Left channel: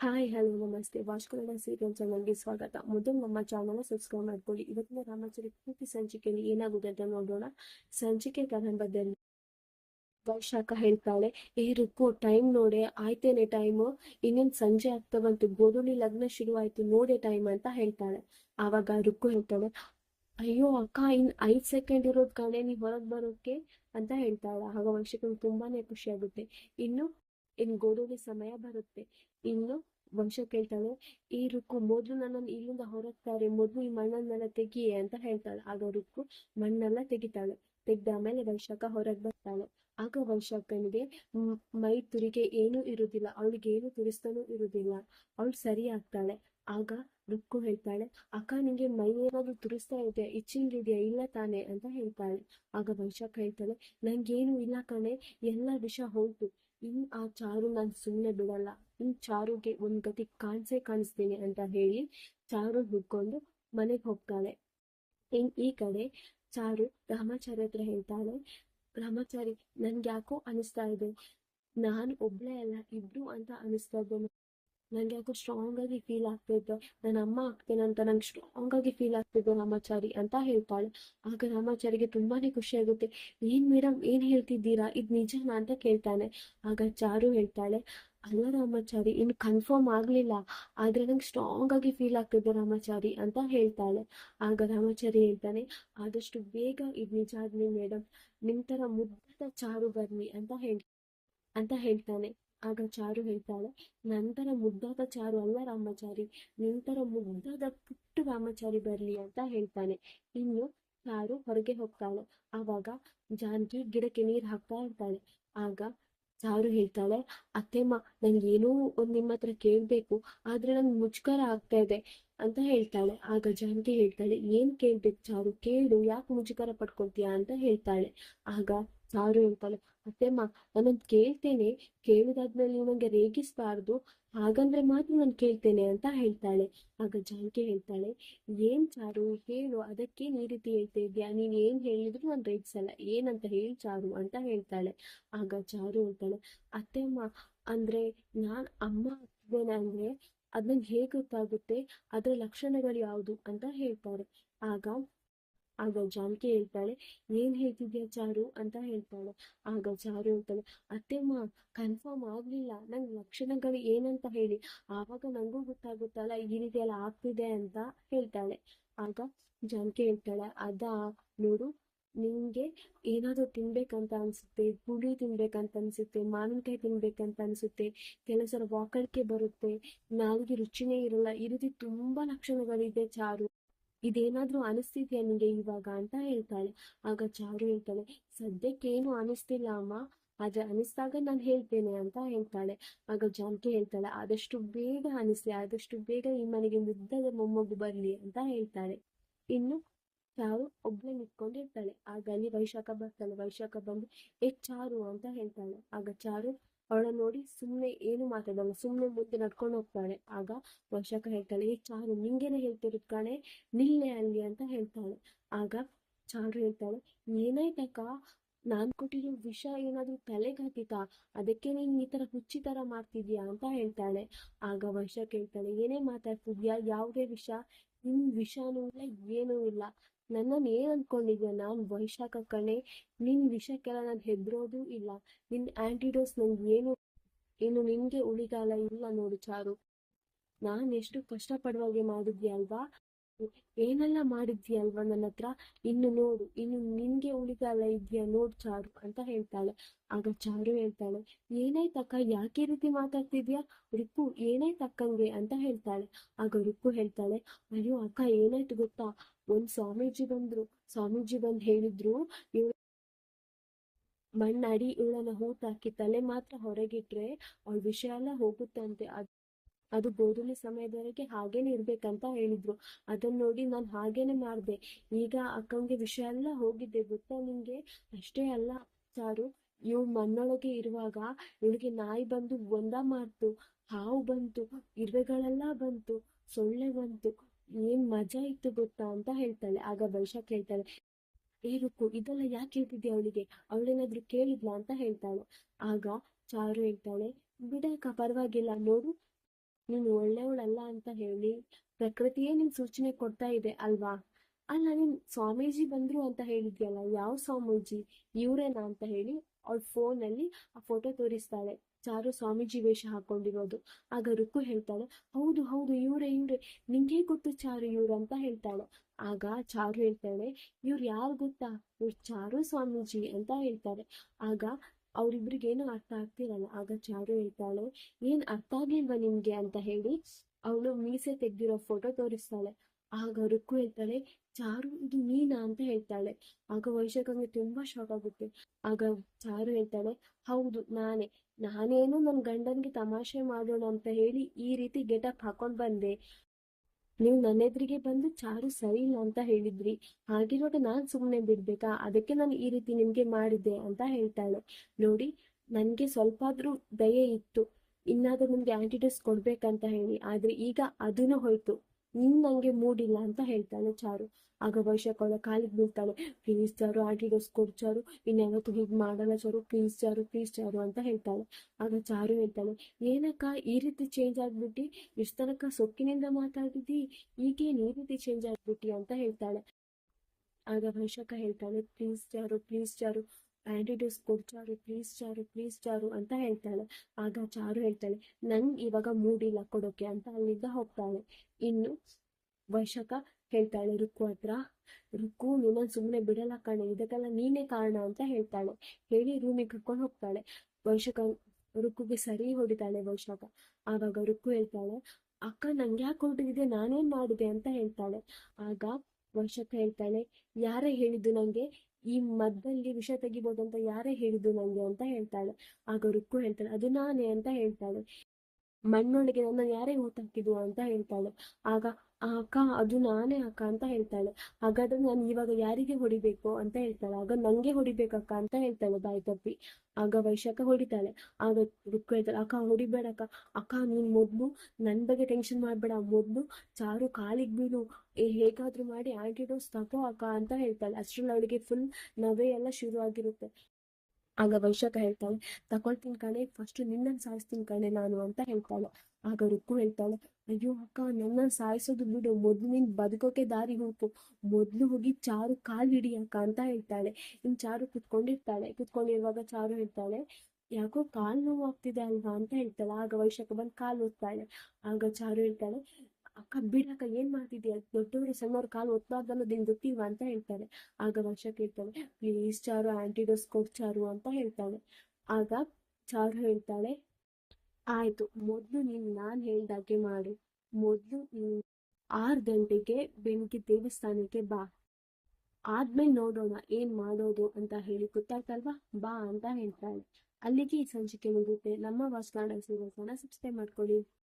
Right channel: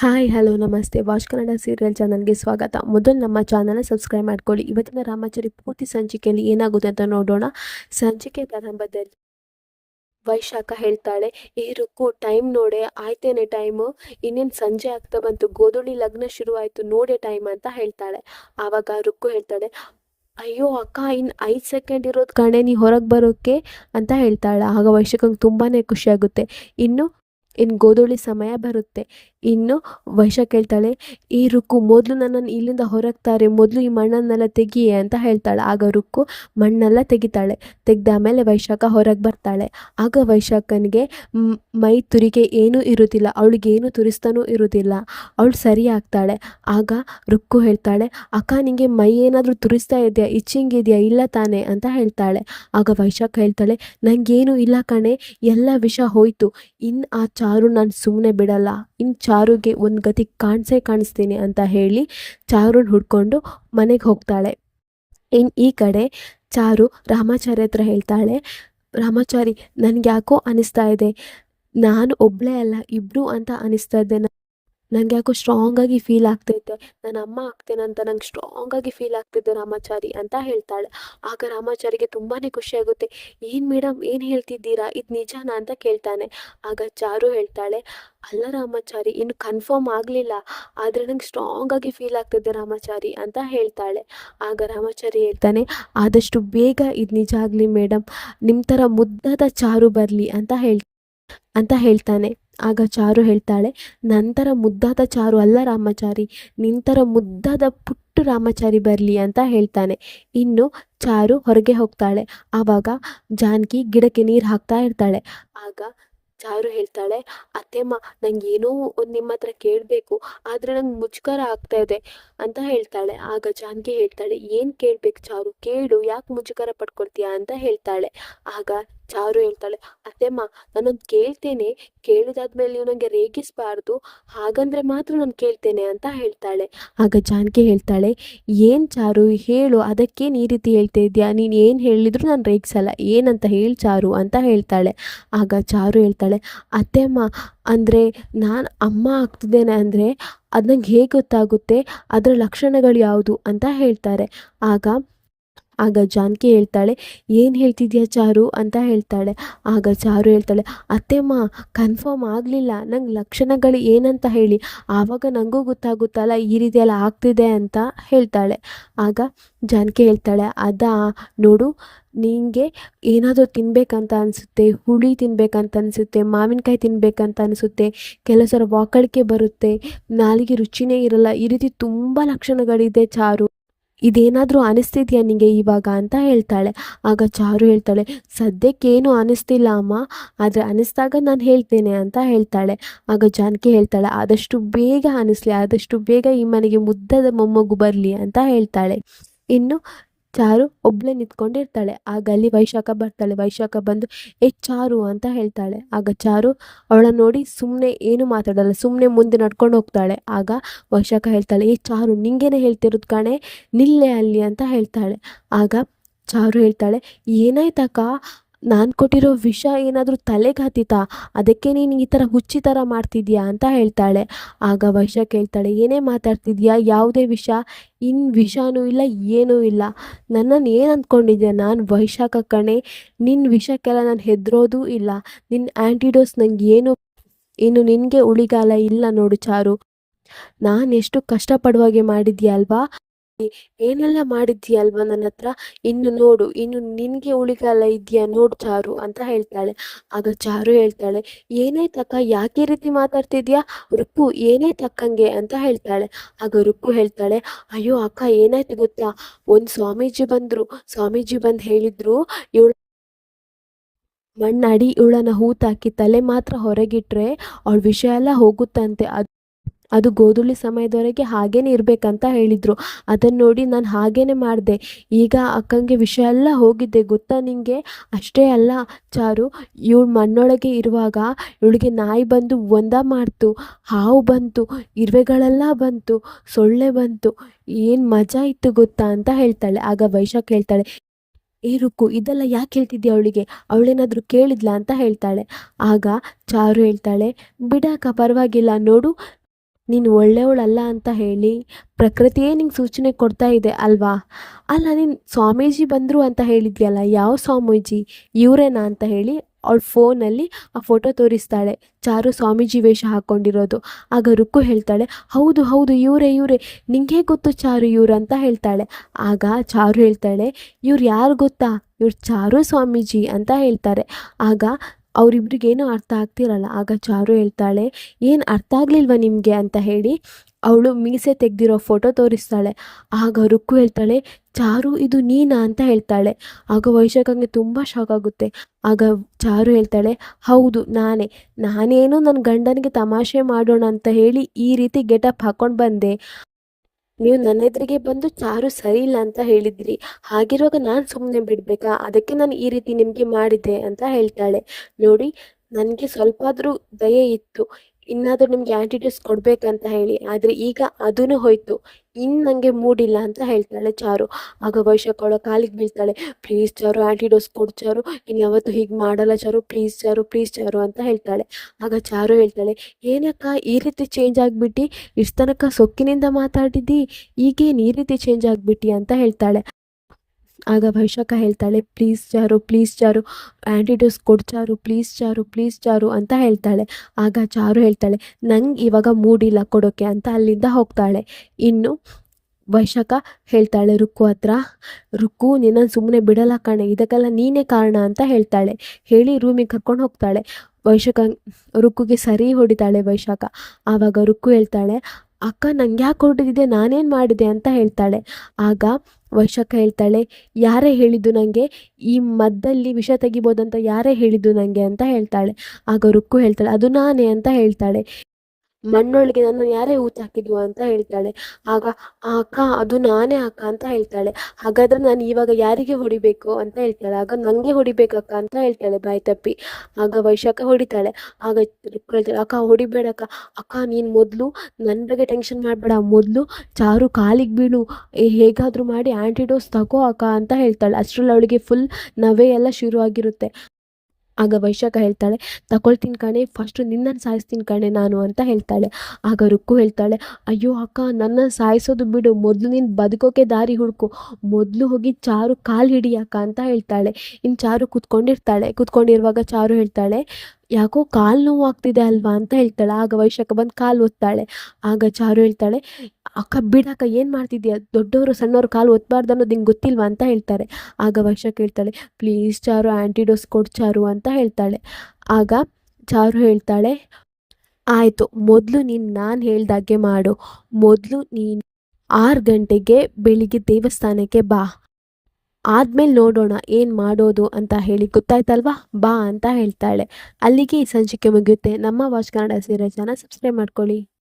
Hi, hello, ನಮಸ್ತೆ. ವಾಶ್ Kannada serial ಚಾನಲ್ಗೆ ಸ್ವಾಗತ. ಮೊದಲು ನಮ್ಮ ಚಾನಲ್ ಸಬ್ಸ್ಕ್ರೈಬ್ ಮಾಡ್ಕೊಳ್ಳಿ. ಇವತ್ತಿನ ರಾಮಾಚಾರಿ ಪೂರ್ತಿ ಸಂಚಿಕೆಯಲ್ಲಿ ಏನಾಗುತ್ತೆ ಅಂತ ನೋಡೋಣ. ಸಂಚಿಕೆ ಪ್ರಾರಂಭದಲ್ಲಿ ವೈಶಾಖ ಹೇಳ್ತಾಳೆ, ಏ ರುಕ್ಕು, ಟೈಮ್ ನೋಡೆ. ಆಯ್ತೇನೆ ಟೈಮು. ಇನ್ನೇನು ಸಂಜೆ ಆಗ್ತಾ ಬಂತು. ಗೋಧುಳಿ ಲಗ್ನ ಶುರುವಾಯಿತು. ನೋಡೆ ಟೈಮ್ ಅಂತ ಹೇಳ್ತಾಳೆ. ಆವಾಗ ರುಕ್ಕು ಹೇಳ್ತಾಳೆ, ಅಯ್ಯೋ, ಅಕ್ಕ ಇನ್ನು ಐದು ಸೆಕೆಂಡ್ ಇರೋದು ಕಣೆ. ನೀ ಹೊರಗೆ ಬರೋಕ್ಕೆ ಅಂತ ಹೇಳ್ತಾಳೆ. ಆಗ ವೈಶಾಖಂಗೆ ತುಂಬಾ ಖುಷಿಯಾಗುತ್ತೆ ಇನ್ನು ಇನ್ನು ಗೋಧೂಳಿ ಸಮಯ ಬರುತ್ತೆ. ಇನ್ನು ವೈಶಾಖ್ ಹೇಳ್ತಾಳೆ ಈ ರುಕ್ಕು ಮೊದಲು ನನ್ನನ್ನು ಇಲ್ಲಿಂದ ಹೊರಗ್ತಾರೆ, ಮೊದಲು ಈ ಮಣ್ಣನ್ನೆಲ್ಲ ತೆಗಿಯೇ ಅಂತ ಹೇಳ್ತಾಳೆ. ಆಗ ರುಕ್ಕು ಮಣ್ಣೆಲ್ಲ ತೆಗಿತಾಳೆ. ತೆಗ್ದಾಮೇಲೆ ವೈಶಾಖ ಹೊರಗೆ ಬರ್ತಾಳೆ. ಆಗ ವೈಶಾಖನಿಗೆ ಮೈ ತುರಿಗೆ ಏನೂ ಇರುವುದಿಲ್ಲ ಅವಳಿಗೇನು ತುರಿಸ್ತಾನೂ ಇರುವುದಿಲ್ಲ ಅವಳು ಸರಿ ಆಗ್ತಾಳೆ. ಆಗ ರುಕ್ಕು ಹೇಳ್ತಾಳೆ, ಅಕ್ಕ, ನಿಂಗೆ ಮೈ ಏನಾದರೂ ತುರಿಸ್ತಾ ಇದೆಯಾ? ಇಚ್ಚಿಂಗ್ ಇದೆಯಾ? ಇಲ್ಲ ತಾನೆ ಅಂತ ಹೇಳ್ತಾಳೆ. ಆಗ ವೈಶಾಖ ಹೇಳ್ತಾಳೆ ನನಗೇನು ಇಲ್ಲ ಕಣೆ, ಎಲ್ಲ ವಿಷ ಹೋಯ್ತು. ಇನ್ನು ಆ ಚಾರು ನಾನು ಸುಮ್ಮನೆ ಬಿಡಲ್ಲ. ಇನ್ನು ಚಾರುಗೆ ಒಂದು ಗತಿ ಕಾಣಿಸೇ ಕಾಣಿಸ್ತೀನಿ ಅಂತ ಹೇಳಿ ಚಾರುನ ಹುಡ್ಕೊಂಡು ಮನೆಗೆ ಹೋಗ್ತಾಳೆ. ಇನ್ನು ಈ ಕಡೆ ಚಾರು ರಾಮಾಚಾರಿ ಹತ್ರ ಹೇಳ್ತಾಳೆ, ರಾಮಾಚಾರಿ ನನಗೆ ಯಾಕೋ ಅನಿಸ್ತಾ ಇದೆ. ನಾನು ಒಬ್ಬಳೇ ಅಲ್ಲ ಇಬ್ಬರು ಅಂತ ಅನಿಸ್ತಾ ಇದೆ. ನನಗೆ ಯಾಕೋ ಸ್ಟ್ರಾಂಗಾಗಿ ಫೀಲ್ ಆಗ್ತೈತೆ. ನನ್ನ ಅಮ್ಮ ಆಗ್ತೇನೆ ಅಂತ ನಂಗೆ ಸ್ಟ್ರಾಂಗಾಗಿ ಫೀಲ್ ಆಗ್ತಿದ್ದೆ ರಾಮಾಚಾರಿ ಅಂತ ಹೇಳ್ತಾಳೆ. ಆಗ ರಾಮಾಚಾರಿಗೆ ತುಂಬಾ ಖುಷಿಯಾಗುತ್ತೆ ಏನು ಮೇಡಮ್ ಏನು ಹೇಳ್ತಿದ್ದೀರಾ? ಇದು ನಿಜನಾ ಅಂತ ಕೇಳ್ತಾನೆ. ಆಗ ಚಾರು ಹೇಳ್ತಾಳೆ, ಅಲ್ಲ ರಾಮಾಚಾರಿ, ಇನ್ನು ಕನ್ಫರ್ಮ್ ಆಗಲಿಲ್ಲ. ಆದರೆ ನಂಗೆ ಸ್ಟ್ರಾಂಗಾಗಿ ಫೀಲ್ ಆಗ್ತಿದೆ ರಾಮಾಚಾರಿ ಅಂತ ಹೇಳ್ತಾಳೆ. ಆಗ ರಾಮಾಚಾರಿ ಹೇಳ್ತಾನೆ, ಆದಷ್ಟು ಬೇಗ ಇದು ನಿಜ ಆಗಲಿ ಮೇಡಮ್ ನಿಮ್ಮ ಥರ ಮುದ್ದಾದ ಚಾರು ಬರಲಿ ಅಂತ ಹೇಳ್, ಅಂತ ಹೇಳ್ತಾನೆ. ಆಗ ಚಾರು ಹೇಳ್ತಾಳೆ, ನಂತರ ಮುದ್ದಾದ ಚಾರು ಅಲ್ಲ ರಾಮಾಚಾರಿ, ನಿಂತರ ಮುದ್ದಾದ ಪುಟ್ಟು ರಾಮಾಚಾರಿ ಬರಲಿ ಅಂತ ಹೇಳ್ತಾನೆ. ಇನ್ನು ಚಾರು ಹೊರಗೆ ಹೋಗ್ತಾಳೆ. ಆವಾಗ ಜಾನಕಿ ಗಿಡಕ್ಕೆ ನೀರು ಹಾಕ್ತಾ ಇರ್ತಾಳೆ. ಆಗ ಚಾರು ಹೇಳ್ತಾಳೆ ಅತ್ತೆಮ್ಮ ನಂಗೆ ಏನೋ ನಿಮ್ಮ ಹತ್ರ ಕೇಳಬೇಕು, ಆದರೆ ನಂಗೆ ಮುಜುಗರ ಆಗ್ತಾ ಇದೆ, ಅಂತ ಹೇಳ್ತಾಳೆ. ಆಗ ಜಾನಕಿ ಹೇಳ್ತಾಳೆ, ಏನು ಕೇಳಬೇಕು ಚಾರು, ಕೇಳು, ಯಾಕೆ ಮುಜುಗರ ಪಡ್ಕೊಳ್ತೀಯಾ? ಅಂತ ಹೇಳ್ತಾಳೆ. ಆಗ ಚಾರು ಹೇಳ್ತಾಳೆ, ಅತ್ತೆಮ್ಮ, ನಾನೊಂದು ಕೇಳ್ತೇನೆ. ಕೇಳಿದಾದ್ಮೇಲೆ ನೀವು ನನಗೆ ರೇಗಿಸಬಾರ್ದು. ಹಾಗಂದ್ರೆ ಮಾತ್ರ ನಾನು ಕೇಳ್ತೇನೆ ಅಂತ ಹೇಳ್ತಾಳೆ. ಆಗ ಜಾನಕಿ ಹೇಳ್ತಾಳೆ, ಏನು ಚಾರು, ಹೇಳು. ಅದಕ್ಕೇನು ಈ ರೀತಿ ಹೇಳ್ತಾ ಇದೆಯಾ ನೀನು ಏನು ಹೇಳಿದ್ರು ನಾನು ರೇಗಿಸಲ್ಲ. ಏನಂತ ಹೇಳಿ ಚಾರು ಅಂತ ಹೇಳ್ತಾಳೆ. ಆಗ ಚಾರು ಹೇಳ್ತಾಳೆ, ಅತ್ತೆಮ್ಮ, ಅಂದರೆ ನಾನು ಅಮ್ಮ ಆಗ್ತಿದ್ದೇನೆ ಅಂದರೆ ಅದು ನಂಗೆ ಹೇಗೆ ಗೊತ್ತಾಗುತ್ತೆ? ಅದರ ಲಕ್ಷಣಗಳು ಯಾವುದು? ಅಂತ ಹೇಳ್ತಾರೆ. ಆಗ ಆಗ ಜಾನಕಿ ಹೇಳ್ತಾಳೆ, ಏನು ಹೇಳ್ತಿದ್ಯಾ ಚಾರು? ಅಂತ ಹೇಳ್ತಾಳೆ. ಆಗ ಚಾರು ಹೇಳ್ತಾಳೆ, ಅತ್ತೆಮ್ಮ ಕನ್ಫರ್ಮ್ ಆಗಲಿಲ್ಲ. ನಂಗೆ ಲಕ್ಷಣಗಳು ಏನಂತ ಹೇಳಿ. ಆವಾಗ ನನಗೂ ಗೊತ್ತಾಗುತ್ತಲ್ಲ, ಈ ರೀತಿಯೆಲ್ಲ ಆಗ್ತಿದೆ ಅಂತ ಹೇಳ್ತಾಳೆ. ಆಗ ಜಾನಕಿ ಹೇಳ್ತಾಳೆ, ಅದಾ, ನೋಡು, ನಿಂಗೆ ಏನಾದರೂ ತಿನ್ಬೇಕಂತ ಅನಿಸುತ್ತೆ, ಹುಳಿ ತಿನ್ಬೇಕಂತ ಅನಿಸುತ್ತೆ, ಮಾವಿನಕಾಯಿ ತಿನ್ಬೇಕಂತ ಅನಿಸುತ್ತೆ ಕೆಲವು ಸಲ ವಾಕಳಿಕೆ ಬರುತ್ತೆ, ನಾಲಿಗೆ ರುಚಿನೇ ಇರಲ್ಲ, ಈ ರೀತಿ ತುಂಬ ಲಕ್ಷಣಗಳಿದೆ ಚಾರು. ಇದೇನಾದರೂ ಅನಿಸ್ತಿದೆಯಾ ನಿಂಗೆ ಇವಾಗ ಅಂತ ಹೇಳ್ತಾಳೆ. ಆಗ ಚಾರು ಹೇಳ್ತಾಳೆ, ಸದ್ಯಕ್ಕೇನು ಅನಿಸ್ತಿಲ್ಲ ಅಮ್ಮ, ಆದರೆ ಅನಿಸ್ದಾಗ ನಾನು ಹೇಳ್ತೇನೆ ಅಂತ ಹೇಳ್ತಾಳೆ. ಆಗ ಜಾನಕಿ ಹೇಳ್ತಾಳೆ, ಆದಷ್ಟು ಬೇಗ ಅನಿಸ್ಲಿ, ಆದಷ್ಟು ಬೇಗ ಈ ಮನೆಗೆ ಮುದ್ದದ ಮೊಮ್ಮಗು ಬರಲಿ ಅಂತ ಹೇಳ್ತಾಳೆ. ಇನ್ನು ಚಾರು ಒಬ್ಬಳೇ ನಿಂತ್ಕೊಂಡಿರ್ತಾಳೆ. ಆಗ ಅಲ್ಲಿ ವೈಶಾಖ ಬರ್ತಾಳೆ. ವೈಶಾಖ ಬಂದು, ಏ ಚಾರು ಅಂತ ಹೇಳ್ತಾಳೆ. ಆಗ ಚಾರು ಅವಳ ನೋಡಿ ಸುಮ್ಮನೆ ಏನು ಮಾತಾಡಲ್ಲ ಸುಮ್ಮನೆ ಮುಂದೆ ನಡ್ಕೊಂಡು ಹೋಗ್ತಾಳೆ. ಆಗ ವೈಶಾಖ ಹೇಳ್ತಾಳೆ, ಏ ಚಾರು, ನಿಂಗೇನೆ ಹೇಳ್ತಿರೋದು ಕಣೆ, ನಿಲ್ಲೆ ಅಲ್ಲಿ ಅಂತ ಹೇಳ್ತಾಳೆ. ಆಗ ಚಾರು ಹೇಳ್ತಾಳೆ, ಏನಾಯ್ತಕ್ಕ? ನಾನು ಕೊಟ್ಟಿರೋ ವಿಷ ಏನಾದರೂ ತಲೆಗೆ ಹತ್ತಿತಾ ಅದಕ್ಕೆ ನೀನು ಈ ಥರ ಹುಚ್ಚಿ ಥರ ಮಾಡ್ತಿದ್ಯಾ ಅಂತ ಹೇಳ್ತಾಳೆ. ಆಗ ವೈಶ ಹೇಳ್ತಾಳೆ ಏನೇ ಮಾತಾಡ್ತಿದ್ಯಾ? ಯಾವುದೇ ವಿಷ ಇನ್ನು ವಿಷನೂ ಇಲ್ಲ, ಏನೂ ಇಲ್ಲ. ನನ್ನನ್ನು ಏನು ಅಂದ್ಕೊಂಡಿದ್ದೆ ನಾನು ವೈಶಾಖ ಕಣೆ? ನಿನ್ನ ವಿಷಕ್ಕೆಲ್ಲ ನಾನು ಹೆದರೋದೂ ಇಲ್ಲ. ನಿನ್ನ ಆ್ಯಂಟಿಡೋಸ್ ನಂಗೆ ಏನು, ಇನ್ನು ನಿನಗೆ ಉಳಿಗಾಲ ಇಲ್ಲ ನೋಡು ಚಾರು. ನಾನು ಎಷ್ಟು ಕಷ್ಟಪಡುವಾಗೆ ಮಾಡಿದ್ಯಾ ಅಲ್ವಾ? ಏನೆಲ್ಲ ಮಾಡಿದ್ಯಲ್ವಾ ನನ್ನ ಹತ್ರ? ಇನ್ನು ನೋಡು, ಇನ್ನು ನಿನಗೆ ಉಳಿಗಾಲ ಇದೆಯಾ? ನೋಡು ಚಾರು ಅಂತ ಹೇಳ್ತಾಳೆ. ಆಗ ಚಾರು ಹೇಳ್ತಾಳೆ ಏನಾಯ್ತಕ್ಕ ಯಾಕೆ ಈ ರೀತಿ ಮಾತಾಡ್ತಿದ್ಯಾ? ರುಕ್ಕು, ಏನೇ ತಕ್ಕಂಗೆ ಅಂತ ಹೇಳ್ತಾಳೆ. ಆಗ ರುಕ್ಕು ಹೇಳ್ತಾಳೆ, ಅಯ್ಯೋ ಅಕ್ಕ, ಏನಾಯ್ತು ಗೊತ್ತಾ? ಒಂದು ಸ್ವಾಮೀಜಿ ಬಂದ್ರು. ಸ್ವಾಮೀಜಿ ಬಂದು ಹೇಳಿದ್ರು, ಇವಳು ಮಣ್ಣಾಡಿ, ಇವಳನ್ನ ಹೂತಾಕಿ ತಲೆ ಮಾತ್ರ ಹೊರಗಿಟ್ರೆ ಅವಳ ವಿಷಯ ಎಲ್ಲ ಹೋಗುತ್ತಂತೆ. ಅದು ಅದು ಗೋಧೂಳಿ ಸಮಯದವರೆಗೆ ಹಾಗೇನೆ ಇರಬೇಕಂತ ಹೇಳಿದರು. ಅದನ್ನು ನೋಡಿ ನಾನು ಹಾಗೇನೆ ಮಾಡಿದೆ. ಈಗ ಅಕ್ಕಂಗೆ ವಿಷಯ ಎಲ್ಲ ಹೋಗಿದ್ದೆ ಗೊತ್ತಾ ನಿಂಗೆ? ಅಷ್ಟೇ ಅಲ್ಲ ಚಾರು, ಇವಳು ಮಣ್ಣೊಳಗೆ ಇರುವಾಗ ಇವಳಿಗೆ ನಾಯಿ ಬಂದು ಒಂದ ಮಾಡ್ತು, ಹಾವು ಬಂತು, ಇರುವೆಗಳೆಲ್ಲ ಬಂತು, ಸೊಳ್ಳೆ ಬಂತು. ಏನು ಮಜಾ ಇತ್ತು ಗೊತ್ತಾ ಅಂತ ಹೇಳ್ತಾಳೆ. ಆಗ ವೈಶಾಖ್ ಹೇಳ್ತಾಳೆ ಏ ರುಕ್ಕು, ಇದೆಲ್ಲ ಯಾಕೆ ಹೇಳ್ತಿದ್ಯಾ ಅವಳಿಗೆ? ಅವಳೇನಾದರೂ ಕೇಳಿದ್ಲಾ? ಅಂತ ಹೇಳ್ತಾಳೆ. ಆಗ ಚಾರು ಹೇಳ್ತಾಳೆ ಬಿಡಾಕ ಪರವಾಗಿಲ್ಲ, ನೋಡು ನೀನು ಒಳ್ಳೆಯವಳಲ್ಲ ಅಂತ ಹೇಳಿ ಪ್ರಕೃತಿಯೇ ನಿಂಗೆ ಸೂಚನೆ ಕೊಡ್ತಾ ಇದೆ ಅಲ್ವಾ? ಅಲ್ಲ, ನೀನು ಸ್ವಾಮೀಜಿ ಬಂದರು ಅಂತ ಹೇಳಿದ್ಯಲ್ಲ, ಯಾವ ಸ್ವಾಮೀಜಿ? ಇವರೇನಾ ಅಂತ ಹೇಳಿ ಅವಳ ಫೋನಲ್ಲಿ ಆ ಫೋಟೋ ತೋರಿಸ್ತಾಳೆ. ಚಾರು ಸ್ವಾಮೀಜಿ ವೇಷ ಹಾಕ್ಕೊಂಡಿರೋದು ಆಗ ರುಕ್ಕು ಹೇಳ್ತಾಳೆ, ಹೌದು ಹೌದು, ಇವರೇ ಇವರೇ. ನಿಂಗೆ ಗೊತ್ತು ಚಾರು ಇವ್ರು ಅಂತ ಹೇಳ್ತಾಳೆ. ಆಗ ಚಾರು ಹೇಳ್ತಾಳೆ, ಇವ್ರು ಯಾರು ಗೊತ್ತಾ? ಇವ್ರು ಚಾರು ಸ್ವಾಮೀಜಿ ಅಂತ ಹೇಳ್ತಾರೆ. ಆಗ ಅವರಿಬ್ರಿಗೇನು ಅರ್ಥ ಆಗ್ತಿರಲ್ಲ. ಆಗ ಚಾರು ಹೇಳ್ತಾಳೆ, ಏನು ಅರ್ಥ ಆಗಲಿಲ್ವ ನಿಮಗೆ? ಅಂತ ಹೇಳಿ ಅವಳು ಮೀಸೆ ತೆಗೆದಿರೋ ಫೋಟೋ ತೋರಿಸ್ತಾಳೆ. ಆಗ ರುಕ್ಕು ಹೇಳ್ತಾಳೆ, ಚಾರು, ಇದು ನೀನಾ? ಅಂತ ಹೇಳ್ತಾಳೆ. ಆಗ ವೈಶಾಖಂಗೆ ತುಂಬ ಶಾಕ್ ಆಗುತ್ತೆ. ಆಗ ಚಾರು ಹೇಳ್ತಾಳೆ, ಹೌದು, ನಾನೇ. ನಾನೇನು ನನ್ನ ಗಂಡನಿಗೆ ತಮಾಷೆ ಮಾಡೋಣ ಅಂತ ಹೇಳಿ ಈ ರೀತಿ ಗೆಟಪ್ ಹಾಕ್ಕೊಂಡು ಬಂದೆ. ನೀವು ನನ್ನ ಎದುರಿಗೆ ಬಂದು ಚಾರು ಸರಿ ಇಲ್ಲ ಅಂತ ಹೇಳಿದ್ರಿ. ಹಾಗಿರುವಾಗ ನಾನು ಸುಮ್ಮನೆ ಬಿಡಬೇಕಾ? ಅದಕ್ಕೆ ನಾನು ಈ ರೀತಿ ನಿಮಗೆ ಮಾಡಿದ್ದೆ ಅಂತ ಹೇಳ್ತಾಳೆ. ನೋಡಿ, ನನಗೆ ಸ್ವಲ್ಪ ಆದರೂ ದಯೆ ಇತ್ತು. ಇನ್ನಾದರೂ ನಿಮಗೆ ಆ್ಯಂಟಿಡ್ಯೂಸ್ ಕೊಡಬೇಕಂತ ಹೇಳಿ, ಆದರೆ ಈಗ ಅದೂ ಹೋಯ್ತು. ಇನ್ನು ನನಗೆ ಮೂಡಿಲ್ಲ ಅಂತ ಹೇಳ್ತಾಳೆ ಚಾರು. ಆಗ ವೈಶಾಖ ಕಾಲಿಗೆ ಬೀಳ್ತಾಳೆ ಪ್ಲೀಸ್ ಚಾರು ಆ್ಯಂಟಿಡೋಸ್ ಕೊಡು ಚಾರು. ಇನ್ನು ಯಾವತ್ತೂ ಹೀಗೆ ಮಾಡಲ್ಲ ಚಾರು. ಪ್ಲೀಸ್ ಚಾರು ಪ್ಲೀಸ್ ಚಾರು ಅಂತ ಹೇಳ್ತಾಳೆ. ಆಗ ಚಾರು ಹೇಳ್ತಾಳೆ, ಏನಕ್ಕ ಈ ರೀತಿ ಚೇಂಜ್ ಆಗಿಬಿಟ್ಟು? ಇಷ್ಟು ತನಕ ಸೊಕ್ಕಿನಿಂದ ಮಾತಾಡಿದ್ದಿ? ಈಗೇನು ಈ ರೀತಿ ಚೇಂಜ್ ಆಗಿಬಿಟ್ಟಿ? ಅಂತ ಹೇಳ್ತಾಳೆ. ಆಗ ವೈಶಾಖ ಹೇಳ್ತಾಳೆ, ಪ್ಲೀಸ್ ಚಾರು ಪ್ಲೀಸ್ ಚಾರು ಆ್ಯಂಟಿಡೋಸ್ ಕೊಡು ಚಾರು ಪ್ಲೀಸ್ ಚಾರು ಪ್ಲೀಸ್ ಚಾರು ಅಂತ ಹೇಳ್ತಾಳೆ. ಆಗ ಚಾರು ಹೇಳ್ತಾಳೆ, ನಂಗೆ ಇವಾಗ ಮೂಡಿಲ್ಲ ಕೊಡೋಕ್ಕೆ ಅಂತ ಅಲ್ಲಿಂದ ಹೋಗ್ತಾಳೆ. ಇನ್ನು ವೈಶಾಖ ಹೇಳ್ತಾಳೆ, ರುಕ್ಕು ಹತ್ರ, ರುಕ್ಕು ನಿನ್ನ ಸುಮ್ಮನೆ ಬಿಡಲ್ಲ ಕಣೆ, ಇದಕ್ಕೆಲ್ಲ ನೀನೇ ಕಾರಣ ಅಂತ ಹೇಳ್ತಾಳೆ. ಹೇಳಿ ರೂಮಿಗೆ ಕರ್ಕೊಂಡು ಹೋಗ್ತಾಳೆ. ವೈಶಾಖ ರುಕ್ಕುಗೆ ಸರಿ ಹೊಡಿತಾಳೆ ವೈಶಾಖ ಆವಾಗ ರುಕ್ಕು ಹೇಳ್ತಾಳೆ, ಅಕ್ಕ ನಂಗೆ ಯಾಕೆ ಹೊಡೆದಿದೆ ನಾನೇನು ಮಾಡಿದೆ ಅಂತ ಹೇಳ್ತಾಳೆ. ಆಗ ವೈಶಾಖ ಹೇಳ್ತಾಳೆ ಯಾರೇ ಹೇಳಿದ್ದು ನನಗೆ ಈ ಮದ್ದಲ್ಲಿ ವಿಷ ತೆಗಿಬೋದಂತ ಯಾರೇ ಹೇಳಿದ್ದು ನನಗೆ ಅಂತ ಹೇಳ್ತಾಳೆ. ಆಗ ರುಕ್ಕು ಹೇಳ್ತಾಳೆ, ಅದು ನಾನೇ ಅಂತ ಹೇಳ್ತಾಳೆ. ಮಣ್ಣೊಳಗೆ ನನ್ನ ಯಾರೇ ಊತ ಹಾಕಿದ್ವು ಅಂತ ಹೇಳ್ತಾಳೆ. ಆಗ, ಅಕ್ಕ, ಅದು ನಾನೇ ಅಕ್ಕ ಅಂತ ಹೇಳ್ತಾಳೆ. ಹಾಗಾದ್ರೆ ನಾನು ಇವಾಗ ಯಾರಿಗೆ ಹೊಡಿಬೇಕು ಅಂತ ಹೇಳ್ತಾಳೆ. ಆಗ ನನಗೆ ಹೊಡಿಬೇಕಕ್ಕ ಅಂತ ಹೇಳ್ತಾಳೆ ಬಾಯಿ ತಪ್ಪಿ. ಆಗ ವೈಶಾಖ ಹೊಡಿತಾಳೆ. ಆಗ ಹೇಳ್ತಾಳೆ ಅಕ್ಕ, ಹೊಡಿಬೇಡಕ್ಕ. ಅಕ್ಕ, ನೀನು ಮೊದಲು ನನ್ನ ಬಗ್ಗೆ ಟೆನ್ಷನ್ ಮಾಡಬೇಡ. ಮೊದಲು ಚಾರು ಕಾಲಿಗೆ ಬೀಳು. ಹೇಗಾದರೂ ಮಾಡಿ ಆ್ಯಂಟಿಡೋಸ್ ತಗೋ ಅಕ್ಕ ಅಂತ ಹೇಳ್ತಾಳೆ. ಅಷ್ಟರಲ್ಲಿ ಅವಳಿಗೆ ಫುಲ್ ನವೆ ಎಲ್ಲ ಶುರು ಆಗಿರುತ್ತೆ ಆಗ ವೈಶಾಖ ಹೇಳ್ತಾಳೆ, ತಗೊಳ್ತೀನಿ ಕಣೆ ಫಸ್ಟು ನಿನ್ನನ್ನು ಸಾಯಿಸ್ತೀನಿ ಕಣೆ ನಾನು, ಅಂತ ಹೇಳ್ತಾಳೆ. ಆಗ ರುಕ್ಕು ಹೇಳ್ತಾಳೆ, ಅಯ್ಯೋ ಅಕ್ಕ, ನನ್ನ ಸಾಯಿಸೋದು ಬಿಡು, ಮೊದಲು ನೀನು ಬದುಕೋಕೆ ದಾರಿ ಹುಡುಕು, ಮೊದಲು ಹೋಗಿ ಚಾರು ಕಾಲು ಹಿಡಿ ಅಕ್ಕ, ಅಂತ ಹೇಳ್ತಾಳೆ. ಇನ್ನು ಚಾರು ಕೂತ್ಕೊಂಡಿರ್ತಾಳೆ, ಕೂತ್ಕೊಂಡಿರುವಾಗ ಚಾರು ಹೇಳ್ತಾಳೆ, ಯಾಕೋ ಕಾಲು ನೋವು ಆಗ್ತಿದೆ ಅಲ್ವಾ? ಅಂತ ಹೇಳ್ತಾಳೆ. ಆಗ ವೈಶಾಖ ಬಂದು ಕಾಲು ಒತ್ತಾಳೆ. ಆಗ ಚಾರು ಹೇಳ್ತಾಳೆ ಅಕ್ಕ ಬಿಡಕ್ಕ ಏನು ಮಾಡ್ತಿದ್ಯಾ? ದೊಡ್ಡವರು ಸಣ್ಣವರು ಕಾಲು ಒತ್ತಬಾರ್ದು ಅನ್ನೋದು ನಿಂಗೆ ಗೊತ್ತಿಲ್ವಾ ಅಂತ ಹೇಳ್ತಾರೆ. ಆಗ ವರ್ಷ ಹೇಳ್ತಾಳೆ ಪ್ಲೀಸ್ ಚಾರು ಆ್ಯಂಟಿಡೋಸ್ ಕೊಡು ಚಾರು ಅಂತ ಹೇಳ್ತಾಳೆ. ಆಗ ಚಾರು ಹೇಳ್ತಾಳೆ, ಆಯಿತು, ಮೊದಲು ನೀನು ನಾನು ಹೇಳ್ದಾಗೆ ಮಾಡು. ಮೊದಲು ನೀನು ಆರು ಗಂಟೆಗೆ ಬೆಳಿಗ್ಗೆ ದೇವಸ್ಥಾನಕ್ಕೆ ಬಾ. ಆದಮೇಲೆ ನೋಡೋಣ ಏನು ಮಾಡೋದು ಅಂತ ಹೇಳಿ ಗೊತ್ತಾಯ್ತಲ್ವಾ? ಬಾ ಅಂತ ಹೇಳ್ತಾಳೆ. ಅಲ್ಲಿಗೆ ಈ ಸಂಚಿಕೆ ಮುಗಿಯುತ್ತೆ. ನಮ್ಮ ವಾಚ್ ಕನ್ನಡ ಸೀರೆ ಚಾನಲ್ ಸಬ್ಸ್ಕ್ರೈಬ್ ಮಾಡ್ಕೊಳ್ಳಿ.